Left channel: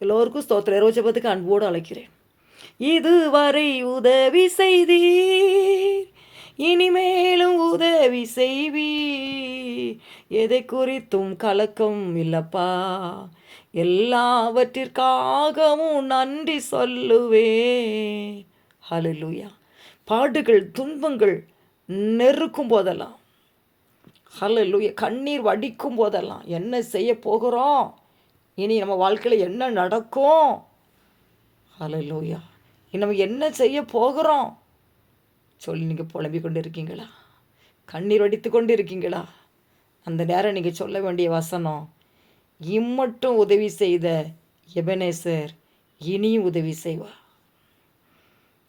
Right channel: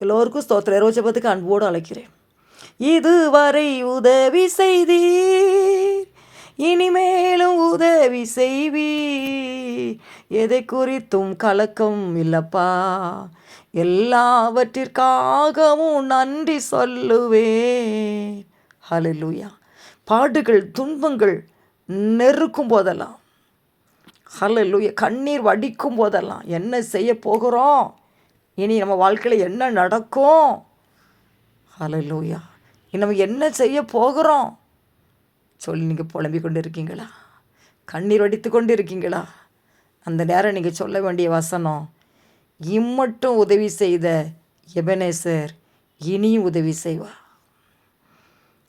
எல்லோருக்கும் ஸ்தோத்திர ரோஜபத்துக்கு அன்போடு அழைக்கிறேன். இதுவரை உதவி செய்தீர் இனிமேலும் உதவி செய்வீர். எதை குறித்தும் கலக்கம் இல்லப்பா. எல்லாவற்றிற்காகவும் நன்றி சொல்லுவேன். ஹலலூயா பாடுகள் துன்பங்கள் நெருக்கும் போதெல்லாம். ஹலலூயா கண்ணீர் வடிக்கும் போதெல்லாம். என்ன செய்ய போகிறோம்? இனி நம்ம வாழ்க்கையில் என்ன நடக்கும்? ஹalleluya இனி நம்ம என்ன செய்ய போகிறோம்? சொல்லி நீங்கள் புலம்பிக் கொண்டு இருக்கீங்களா கண்ணீர் வடித்து கொண்டு இருக்கீங்களா அந்த நேரம் நீங்கள் சொல்ல வேண்டிய வசனம் இம்மட்டும் உதவி செய்த எபனேசர் இனியும் உதவி செய்வா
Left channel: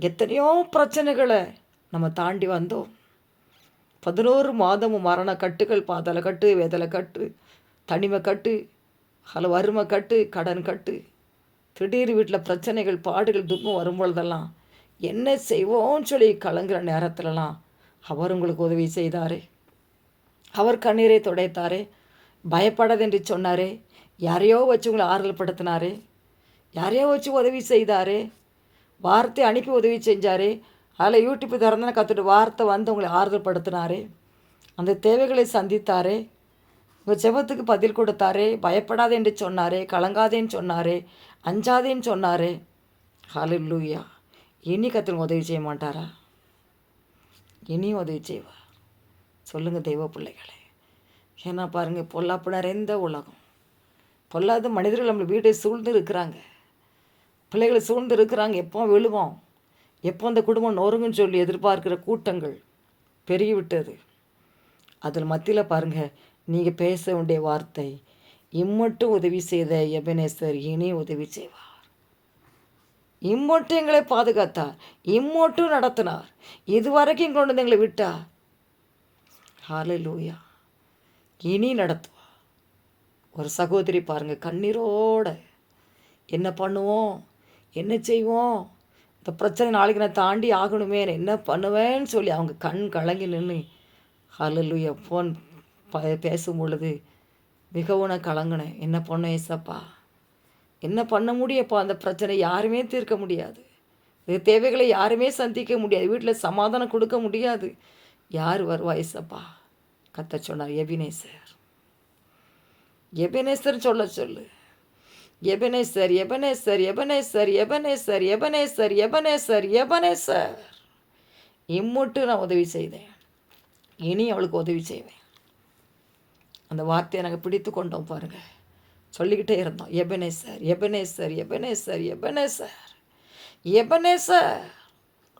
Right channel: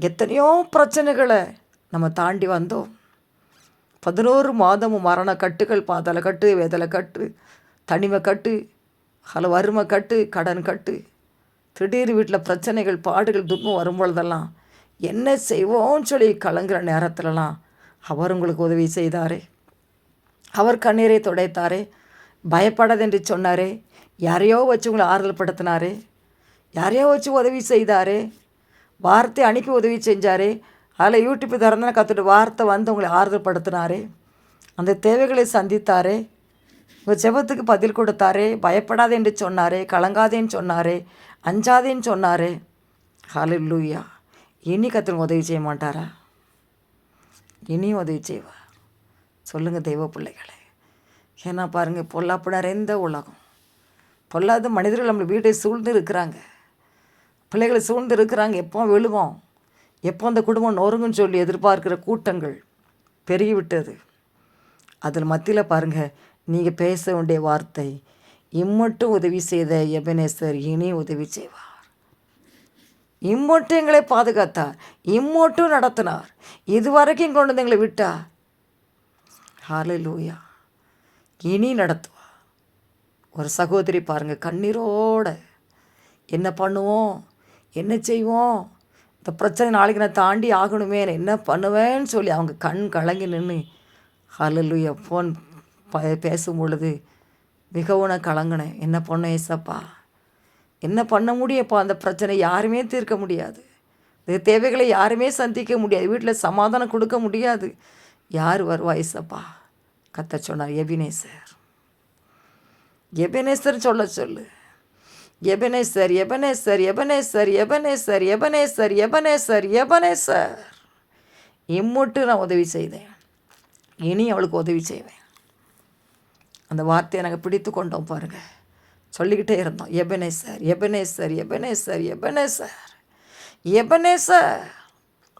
எத்தனையோ பிரச்சனைகளை நம்ம தாண்டி வந்தோம். பதினோரு மாதமும் மரண கட்டுகள் பாதலை கட்டு வேதலை கட்டு தனிமை கட்டு ஹலோ வறுமை கட்டு கடன் கட்டு. திடீர் வீட்டில் பிரச்சனைகள் பாடுகள் துன்பம் வரும்பொழுதெல்லாம் என்ன செய்வோம்னு சொல்லி கலங்குற நேரத்துலலாம் அவர் உங்களுக்கு உதவி செய்தாரே. அவர் கண்ணீரை துடைத்தாரே. பயப்படாதென்று சொன்னாரே. யாரையோ வச்சு உங்களை ஆறுதல் படுத்தினாரே யாரையோ வச்சு உதவி செய்தாரே. வார்த்தை அனுப்பி உதவி செஞ்சாரே. அதில் யூடியூப் திறந்தன கற்றுட்டு வார்த்தை வந்து உங்களை ஆறுதல் படுத்தினாரே அந்த தேவைகளை சந்தித்தாரே. உங்கள் ஜெபத்துக்கு பதில் கொடுத்தாரே பயப்படாதே என்று சொன்னாரே கலங்காதேன்னு சொன்னாரே அஞ்சாதேன்னு சொன்னாரே. ஹalleluya. இனி கத்திரங்க உதவி செய்ய மாட்டாரா? இனியும் உதவி செய்வா சொல்லுங்கள் தெய்வ பிள்ளைகளே. ஏன்னா பாருங்கள் பொல்லாப்பு நிறைந்த உலகம். பொல்லாத மனிதர்கள் நம்ம வீட்டை சூழ்ந்து இருக்கிறாங்க. பிள்ளைகளை சூழ்ந்து இருக்கிறாங்க எப்போ விழுவோம். எப்போ அந்த குடும்பம் நொறுங்குன்னு சொல்லி எதிர்பார்க்கிற கூட்டங்கள் பெருகிவிட்டது. அதில் மத்தியில் பாருங்கள் நீங்கள் பேச வேண்டிய வார்த்தை இம்மட்டும் உதவி செய்த எபனேசர் இனி உதவி செய்வார். இம்மட்டும் எங்களை பாதுகாத்தார் இம்மட்டும் நடத்தினார். இதுவரைக்கும் கொண்டு வந்து எங்களை விட்டார். லூயா இனி நடத்துவா ஒரு சகோதரி பாருங்கள் கண்ணீரோட என்ன பண்ணுவோம்? என்ன செய்வோம்? இந்த பிரச்சனை நாளைக்கு நான் தாண்டி ஆகணுமே என்ன பண்ணுவேன்னு சொல்லி அவங்க கண் கலங்கி நின்று ஹலலுயா ஃபோன் ப பேசும் பொழுது மிகவும் நான் கலங்கினேன் என்ன பண்ண ஏசப்பா? என்ன பண்ண முடியப்பா? அந்த பிரச்சனை யாருமே தீர்க்க முடியாது. தேவைகளை யாருமே சந்திக்க முடியாது. வீட்டில் சமாதானம் கொடுக்க முடியாது. யார் வருவா ஏசப்பா? கத்த சொன்னார் எபினேசர். எபனேசர் சொல்ல சொல்லு. எபனேசர் எபனேசர் எபனேசர் எபனேசர் எபனேசர் எபனேசர் எபனேசர். இம்முட்டு நான் உதவி செய்தேன். இனி அவளுக்கு உதவி செய்வேன். அந்த வார்த்தையை நாங்கள் பிடித்து கொண்டோம் பாருங்கள் சொல்லிக்கிட்டே இருந்தோம் எபனேசர் எபனேசர் எபனேசர் எபனேசர் எபனேசர்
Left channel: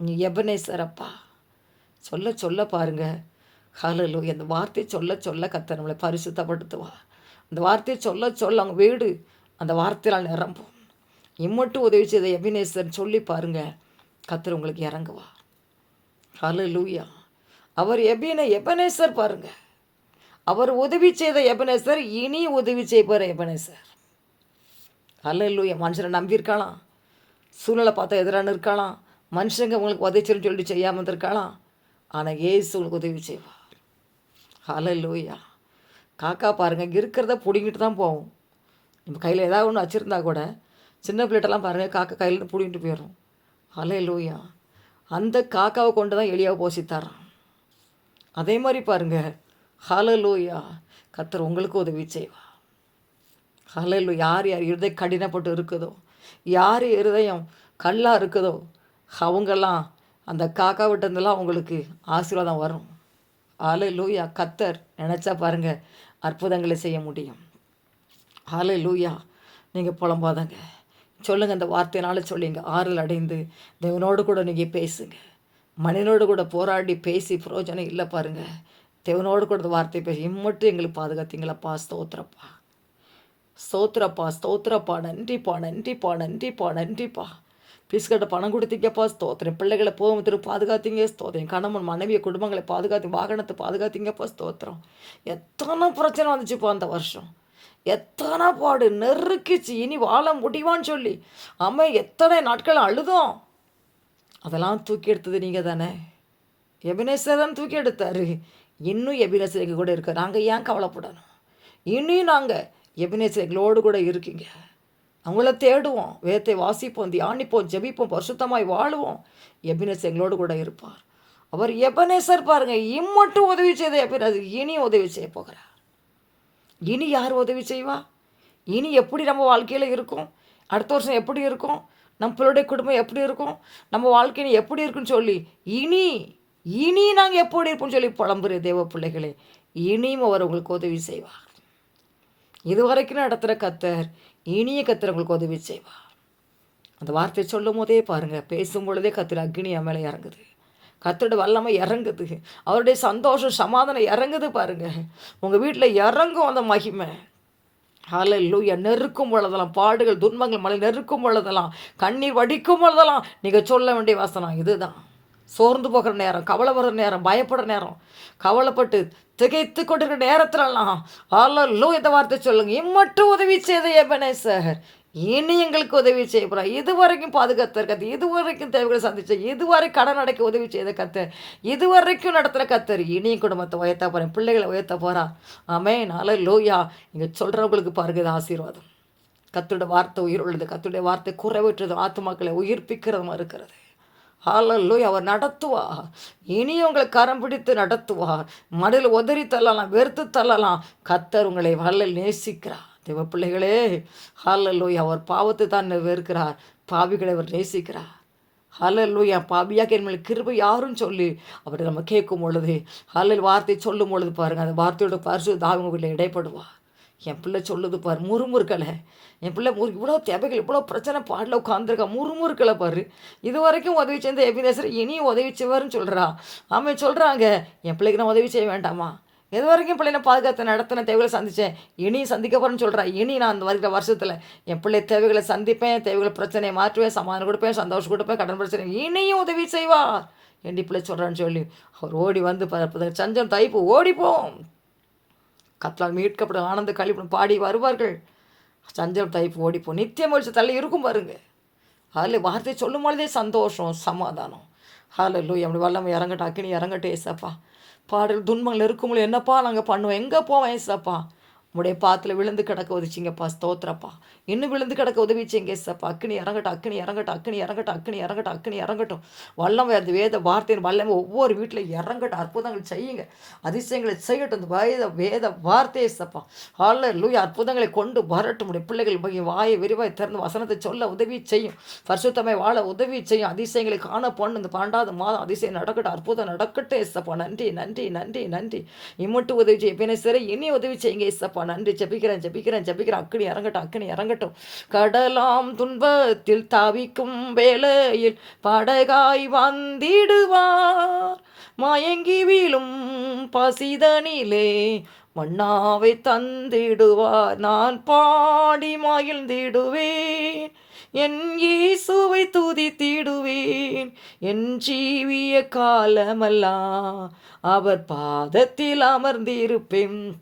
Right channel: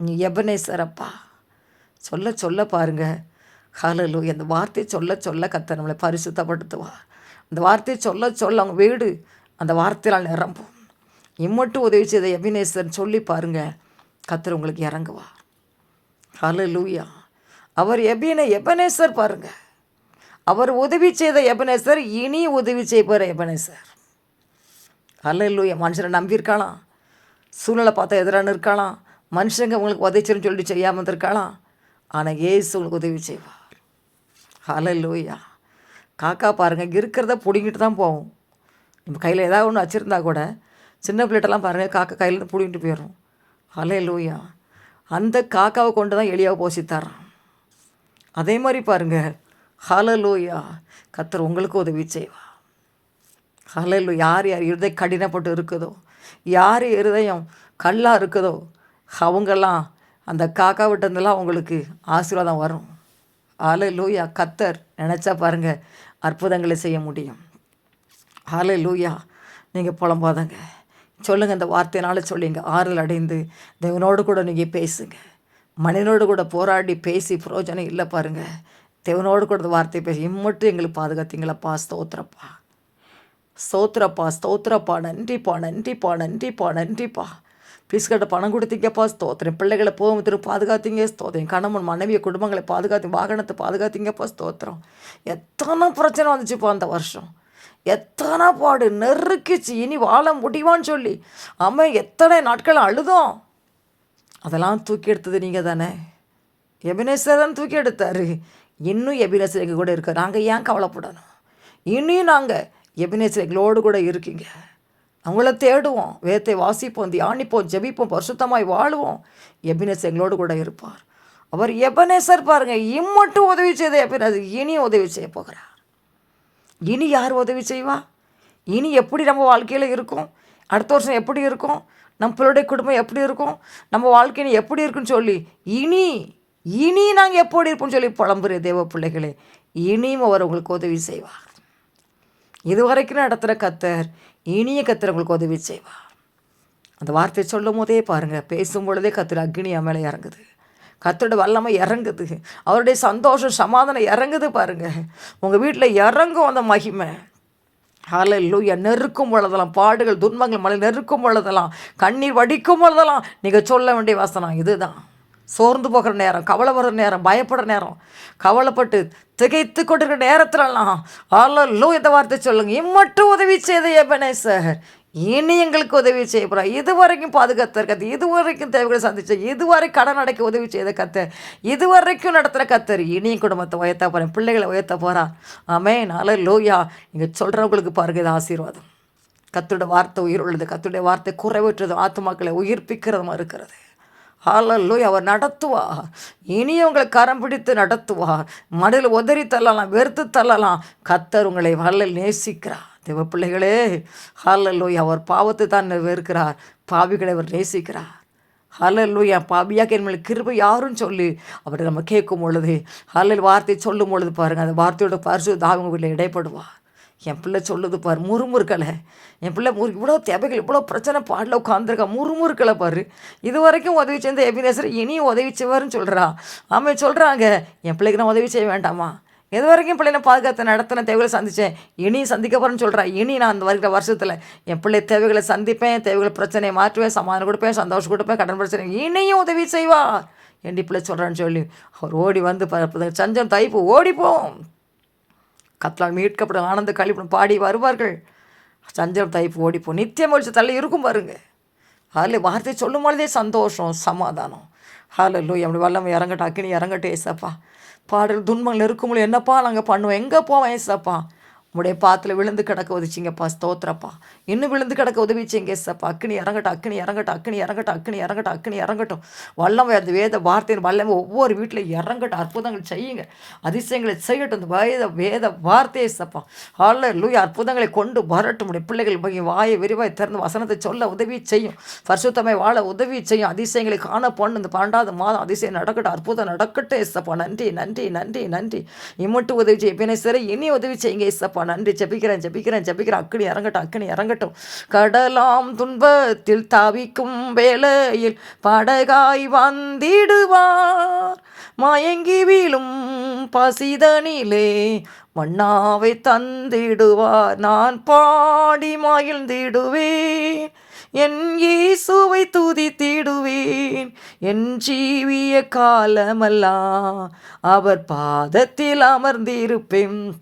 நீ எபனேசர் அப்பா சொல்ல சொல்ல பாருங்க. ஹலலு அந்த வார்த்தை சொல்ல சொல்ல கத்த நம்மளை பரிசுத்தப்படுத்துவா. அந்த வார்த்தையை சொல்ல சொல்ல அவங்க வீடு அந்த வார்த்தையால் நிரம்பும். இம்மட்டும் உதவி செய்த எபினேசர் சொல்லி பாருங்கள் கத்தர் உங்களுக்கு இறங்குவா ஹலலூயா அவர் எபின எபனேசர் பாருங்கள் அவர் உதவி செய்த எபனேசர் இனி உதவி செய்வார் எபனேசர். ஹலலூயா மனுஷனை நம்பியிருக்காளாம். சூழ்நிலை பார்த்தா எதிரான இருக்காளாம் மனுஷங்க உங்களுக்கு உதவிச்சுன்னு சொல்லிட்டு செய்யாமல் இருந்திருக்காளாம் ஆனால் ஏசு உங்களுக்கு உதவி செய்வார். ஹலலூயா காக்கா பாருங்கள் இருக்கிறத பிடிங்கிட்டு தான் போவோம். நம்ம கையில் ஏதாவது ஒன்று வச்சுருந்தா கூட சின்ன பிள்ளைகிட்டலாம் பாருங்கள் காக்கா கையில் பிடிங்கிட்டு போயிடும் ஹலே லூயா அந்த காக்காவை கொண்டு தான் எளியாக போசி அதே மாதிரி பாருங்கள் ஹலலூயா. கத்தர் உங்களுக்கு உதவி செய்வா ஹலலு யார் யார் இருதயம் கடினப்பட்டு இருக்குதோ யார் இருதயம் கல்லாக இருக்குதோ அவங்கெல்லாம் அந்த காக்கா விட்டதெல்லாம் உங்களுக்கு ஆசீர்வாதம் வரும். ஹalleluya கத்தர் நினச்சா பாருங்கள் அற்புதங்களை செய்ய முடியும். ஹalleluya நீங்கள் புலம்பாதங்க. சொல்லுங்கள் இந்த வார்த்தையினால சொல்லிங்க. ஆறுதல் அடைந்து தேவனோடு கூட நீங்கள் பேசுங்க. மனிதனோடு கூட போராடி பேசி பிரயோஜனம் இல்லை பாருங்கள் தேவனோடு கூட இந்த பேசி இம்மட்டும் எங்களுக்கு பாதுகாத்தீங்களப்பா ஸ்தோத்திரப்பா. ஸ்தோத்திரப்பா ஸ்தோத்திரப்பா நன்றிப்பா நன்றிப்பா நன்றிப்பா நன்றிப்பா. ஃபீஸ்கிட்ட பணம் கொடுத்தீங்கப்பா ஸ்தோத்திரம். பிள்ளைகளை போகும் திரு பாதுகாத்தீங்க ஸ்தோத்திரம். கணவன் மனைவியை குடும்பங்களை பாதுகாத்து வாகனத்தை பாதுகாத்தீங்கப்பா ஸ்தோத்திரம். எத்தனை பிரச்சனை வந்துச்சுப்பா அந்த வருஷம். எத்தனை பாடு நெருக்கிச்சு இனி வாழ முடியுமான்னு சொல்லி. அவன் எத்தனை நாட்கள் அழுதோம். அதெல்லாம் தூக்கி எடுத்தது நீங்கள் தானே எபினேசர் தான் தூக்கி எடுத்தார். இன்னும் எபினேசர் எங்கள் கூட இருக்கார் நாங்கள் ஏன் கவலைப்படணும்? இன்னும் நாங்கள் எபினேசர் கூட இருக்கீங்க. அவங்கள தேடுவோம் வேத்தை வாசிப்போம் தியானிப்போம் ஜெபிப்போம் பரிசுத்தமாய் வாழுவோம். எபினேஸ் எங்களோடு கூட இருப்பார். அவர் எபனேசர் பாருங்கள் இம்மட்டும் உதவி செய்த எபினேசர் இனி உதவி செய்ய போகிறார். இனி யார் உதவி செய்வா? இனி எப்படி நம்ம வாழ்க்கையில் இருக்கும்? அடுத்த வருஷம் எப்படி இருக்கும்? நம்ம பிள்ளைடைய குடும்பம் எப்படி இருக்கும்? நம்ம வாழ்க்கையில் எப்படி இருக்குன்னு சொல்லி இனி இனி நாங்கள் எப்படி இருப்போம்னு சொல்லி புலம்புற தேவ பிள்ளைகளே இனியும் அவர் உங்களுக்கு உதவி செய்வார். இதுவரைக்கும் நடத்துகிற கத்தர் இனிய கத்தர் உங்களுக்கு உதவி செய்வார். அந்த வார்த்தை சொல்லும் போதே பாருங்கள் பேசும் பொழுதே கத்தர் அக்னி மேலே இறங்குது. கத்தோட வல்லமை இறங்குது. அவருடைய சந்தோஷம் சமாதானம் இறங்குது பாருங்கள் உங்கள் வீட்டில் இறங்கும் அந்த மகிமை. ஹalleluya நெருக்கும் பொழுதெல்லாம் பாடுகள் துன்பங்கள் மலை நெருக்கும் பொழுதெல்லாம் கண்ணீர் வடிக்கும் பொழுதெல்லாம் நீங்கள் சொல்ல வேண்டிய வசனம் இதுதான். சோர்ந்து போகிற நேரம் கவலை வர நேரம் பயப்படுற நேரம். கவலைப்பட்டு திகைத்து கொண்டிருக்கிற நேரத்திலலாம் ஹalleluya இந்த வார்த்தை சொல்லுங்கள் இம்மட்டும் உதவி செய்த எபனேசர். இனி எங்களுக்கு உதவி செய்ய போகிறா இது வரைக்கும் பாதுகாத்த கத்து இது வரைக்கும் தேவைகளை சந்திச்ச இதுவரை கடன் அடைக்க உதவி செய்த கத்தர். இது வரைக்கும் நடத்துகிற கத்தர். இனியும் குடும்பத்தை உயர்த்த போகிறேன் பிள்ளைகளை உயர்த்த போகிறா ஆமே நாளை லோயா இங்கே சொல்கிறவங்களுக்கு பாருங்க இது ஆசீர்வாதம். கத்தோட வார்த்தை உயிர் உள்ளது கத்துடைய வார்த்தை குறைவற்றது ஆத்துமாக்களை உயிர்ப்பிக்கிறதுமா இருக்கிறது. ஹalleluya அவர் நடத்துவா இனி உங்களை கரம் பிடித்து நடத்துவா மடில் உதறி தள்ளலாம் வெறுத்து தள்ளலாம். கத்தர் உங்களை வல்லல் நேசிக்கிறார். தேவ பிள்ளைகளே அவர் பாவத்தை தான் வெறுக்கிறார். பாவிகளை அவர் நேசிக்கிறார். ஹalleluya பாவியாக என் மேல் கிருபை யாரும் சொல்லி அவரை நம்ம கேட்கும் பொழுது ஹalleluya வார்த்தை சொல்லும் பொழுது பாருங்கள் அந்த வார்த்தையோட பரிசு தாவங்க வீட்டில் இடைப்படுவா என் பிள்ளை சொல்லுது பாரு முறுமுறுக்கலை. என் பிள்ளை முறு இவ்வளோ தேவைகள் இவ்வளோ பிரச்சனை பாடல உட்காந்துருக்கா முறுமுறுக்கலை பாரு. இது வரைக்கும் உதவி செய்த எபினேசர் இனியும் உதவி செய்வாருன்னு சொல்கிறா ஆமாம் சொல்கிறாங்க என் பிள்ளைக்கு நான் உதவி செய்ய வேண்டாமா? இது வரைக்கும் பிள்ளைனை பாதுகாத்து நடத்தின தேவைகளை சந்தித்தேன் இனி சந்திக்க போகிறேன்னு சொல்கிறா இனி நான் அந்த வருகிற வருஷத்தில் என் பிள்ளை தேவைகளை சந்திப்பேன் தேவைகளை பிரச்சனையை மாற்றுவேன் சமாதானம் கொடுப்பேன் சந்தோஷம் கொடுப்பேன் கடன் பிரச்சனை. இனியும் உதவி செய்வார். என் பிள்ளை சொல்கிறான்னு சொல்லி அவர் ஓடி வந்து சஞ்சம் தைப்பு ஓடிப்போம். கத்தலால் மீட்கப்படும் ஆனந்த கழிப்படும் பாடி வருவார்கள். சஞ்சலம் தைப்பு ஓடிப்போம். நித்திய மொழிச்சு தள்ளி இருக்கும் பாருங்க. அதில் வார்த்தை சொல்லும் பொழுதே சந்தோஷம் சமாதானம். ஹலோ லூ அப்படி வல்லமை இறங்கட்டும் அக்கினி இறங்கட்டும் ஏசப்பா. பாடல் துன்பங்கள் இருக்கும்போது என்னப்பா நாங்கள் பண்ணுவோம்? எங்கே போவோம் ஏசப்பா? உடைய பாத்தில் விழுந்து கிடக்க உதவிச்சிங்கப்பா ஸ்தோத்திரப்பா. இன்னும் விழுந்து கிடக்க உதவிச்சிங்க சப்பா அக்னி இறங்கட்டும் அக்னி இறங்கட்டும் அக்னி இறங்கட்டும் அக்னி இறங்கட்டும் அக்னி இறங்கட்டும். வல்லம் வேறு வேத வார்த்தையின் வல்லம் ஒவ்வொரு வீட்டில் இறங்கட்டும். அற்புதங்கள் செய்யுங்க. அதிசயங்களை செய்யட்டும். இந்த வேத வேத வார்த்தையை சப்பா ஹால லூய் அற்புதங்களை கொண்டு வரட்டும். உடைய பிள்ளைகள் வாயை விரிவாய் திறந்து வசனத்தை சொல்ல உதவி செய்யும். பரிசுத்தமை வாழ உதவி செய்யும். அதிசயங்களை காண பொண்ணு. இந்த பன்னெண்டாவது மாதம் அதிசயம் நடக்கட்டும். அற்புதம் நடக்கட்டும் ஏசப்பா நன்றி நன்றி நன்றி நன்றி. இம்மட்டு உதவி செய்ய. பின்ன சரி இனி உதவி செய்யுங்க அப்பா நன்றி. ஜெபிக்கிறேன் ஜபிக்கிறேன் ஜபிக்கிறேன் அக்கினி இறங்கட்டும் அக்கினி இறங்கட்டும். கடலாம் துன்பத்தில் தவிக்கும் வேளையில் படகாய் வந்திடுவார். மயங்கி வீழும் பசிதனிலே மண்ணாவை தந்திடுவார். நான் பாடி மகிழ்ந்திடுவேன். என் இயேசுவை துதித்திடுவேன். என் ஜீவிய காலமெல்லாம் அவர் பாதத்தில் அமர்ந்திருப்பேன்.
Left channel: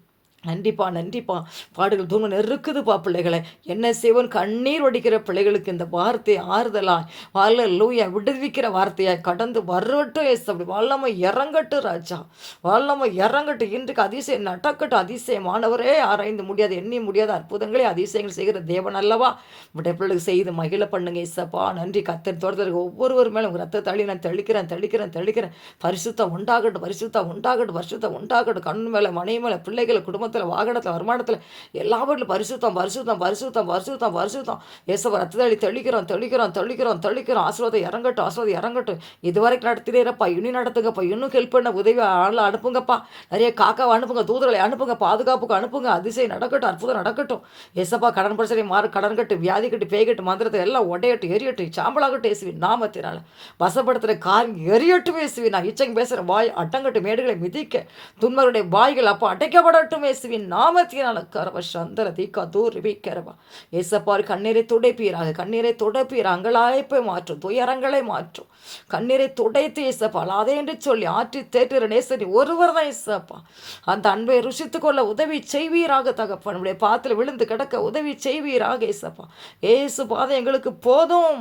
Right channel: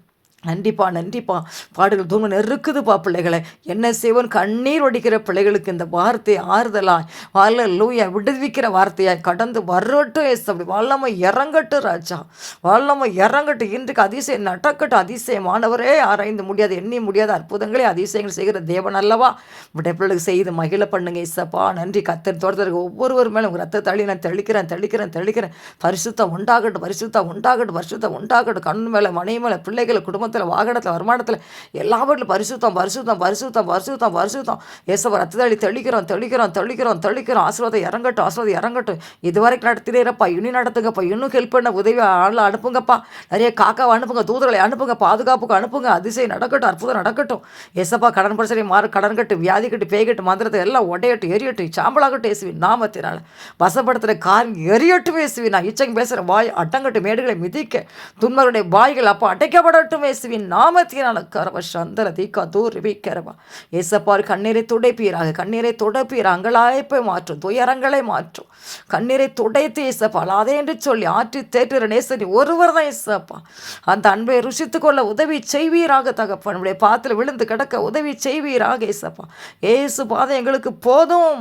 நன்றிப்பா நன்றிப்பா பாடுகள் தூங்க நெருக்குதுப்பா பிள்ளைகளை. என்ன செய்வோன் கண்ணீர் ஒடிக்கிற பிள்ளைகளுக்கு இந்த வார்த்தை ஆறுதலாய். வாழ லூயா விடுவிக்கிற வார்த்தையாய். கடந்து வரட்டும் எஸ் அப்படி வல்லமை இறங்கட்டும் ராஜா. வல்லமை இறங்கட்டும். இன்றைக்கு அதிசயம் நடக்கட்டும். அதிசயமானவரே ஆராய்ந்து முடியாது எண்ணி முடியாத அற்புதங்களே அதிசயங்கள் செய்கிற தேவன் அல்லவா? விடைய பிள்ளைகளுக்கு செய்து மகிழ பண்ணுங்க இசப்பா நன்றி கத்தர் தோட்டத்திற்கு ஒவ்வொருவர் மேலும் உங்கள் ரத்த தள்ளி நான் தெளிக்கிறேன் தெளிக்கிறேன் தெளிக்கிறேன். பரிசுத்தம் உண்டாகட்டும் பரிசுத்தம் உண்டாகட்டும் பரிசுத்தம் உண்டாகட்டும். கண் மேலே மனை மேலே பிள்ளைகளை குடும்பத்தில் வாகனத்தில் வருமானத்தில் எல்லாவற்றிலும் பரிசுத்தம் பரிசுத்தம் பரிசுத்தம் பரிசுத்தம் பரிசுத்தம். ஏசவ ரத்த தள்ளி தெளிக்கிறோம் தெளிக்கிறோம் தெளிக்கிறோம் தெளிக்கிறோம். ஆசீர்வாதம் இறங்கட்டும் ஆசீர்வாதம் இறங்கட்டும். இதுவரைக்கும் நடத்தினேப்பா இன்னும் நடத்துங்கப்பா இன்னும் ஹெல்ப் பண்ண உதவி ஆள் அனுப்புங்கப்பா. நிறைய காக்காவை அனுப்புங்க தூதர்களை அனுப்புங்க பாதுகாப்புக்கு அனுப்புங்க. அதிசயம் நடக்கட்டும் அற்புதம் நடக்கட்டும். ஏசப்பா கடன் பிரச்சனை மாறு கடன் கட்டு வியாதி கட்டு பேய் கட்டு மந்திரத்தை எல்லாம் உடையட்டும் எரியட்டும். சாம்பலாகட்டும் இயேசுவின் நாமத்தினால. வசப்படுத்துகிற காரியம் எரியட்டும் இயேசுவின் நான் இச்சங்க பேசுகிற வாய் அட்டங்கட்டு மேடுகளை மிதிக்க துன்பருடைய வாய்கள் அப்போ அடைக்கப்படட்டும் இயேசுவின் நாமத்தினால கரவ சந்தர தீக்கா தூர் கரவா. இயேசப்பார் கண்ணீரை துடைப்பீராக கண்ணீரை துடைப்பீர் அங்கலாய்ப்பை மாற்றும் துயரங்களை மாற்றும். கண்ணீரை துடைத்து ஏசப்பா அதே என்று சொல்லி ஆற்றி தேற்றுற நேசனி ஒருவர் தான் இயேசப்பா அந்த அன்பை ருசித்து கொள்ள உதவி செய்வீராக தகப்பன். நம்முடைய பாத்தில் விழுந்து கிடக்க உதவி செய்வீராக இயேசப்பா ஏசு பாதை எங்களுக்கு போதும்.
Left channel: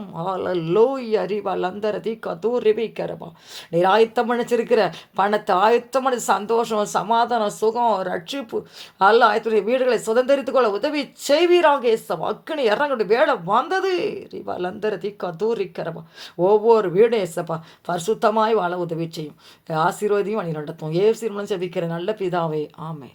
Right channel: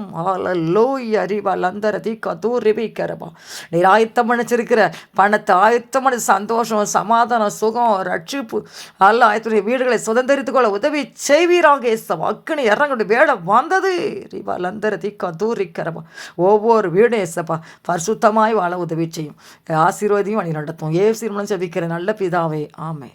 லோய் அறிவால் அந்தர தீக்கா தூர் ரிபிக்கிறவா நீர் ஆயத்தம் பண்ணிச்சிருக்கிற பணத்தை ஆயத்தம் பண்ணி சந்தோஷம் சமாதானம் சுகம் ரட்சிப்பு அல்ல ஆயத்துடைய வீடுகளை சுதந்திரித்துக் கொள்ள உதவி செய்வீராக ஏசப்பா அக்கினி இறங்கணும் வேலை வந்தது. ரிவா லந்தர திக்கா தூரிக்கிறப்பா ஒவ்வொரு வீடும் ஏசப்பா பரிசுத்தமாய் வாழ உதவி செய்யும். ஆசீர்வதியும் வழி நடத்தும். ஏ மூலம் ஜபிக்கிற நல்ல பிதாவே ஆமை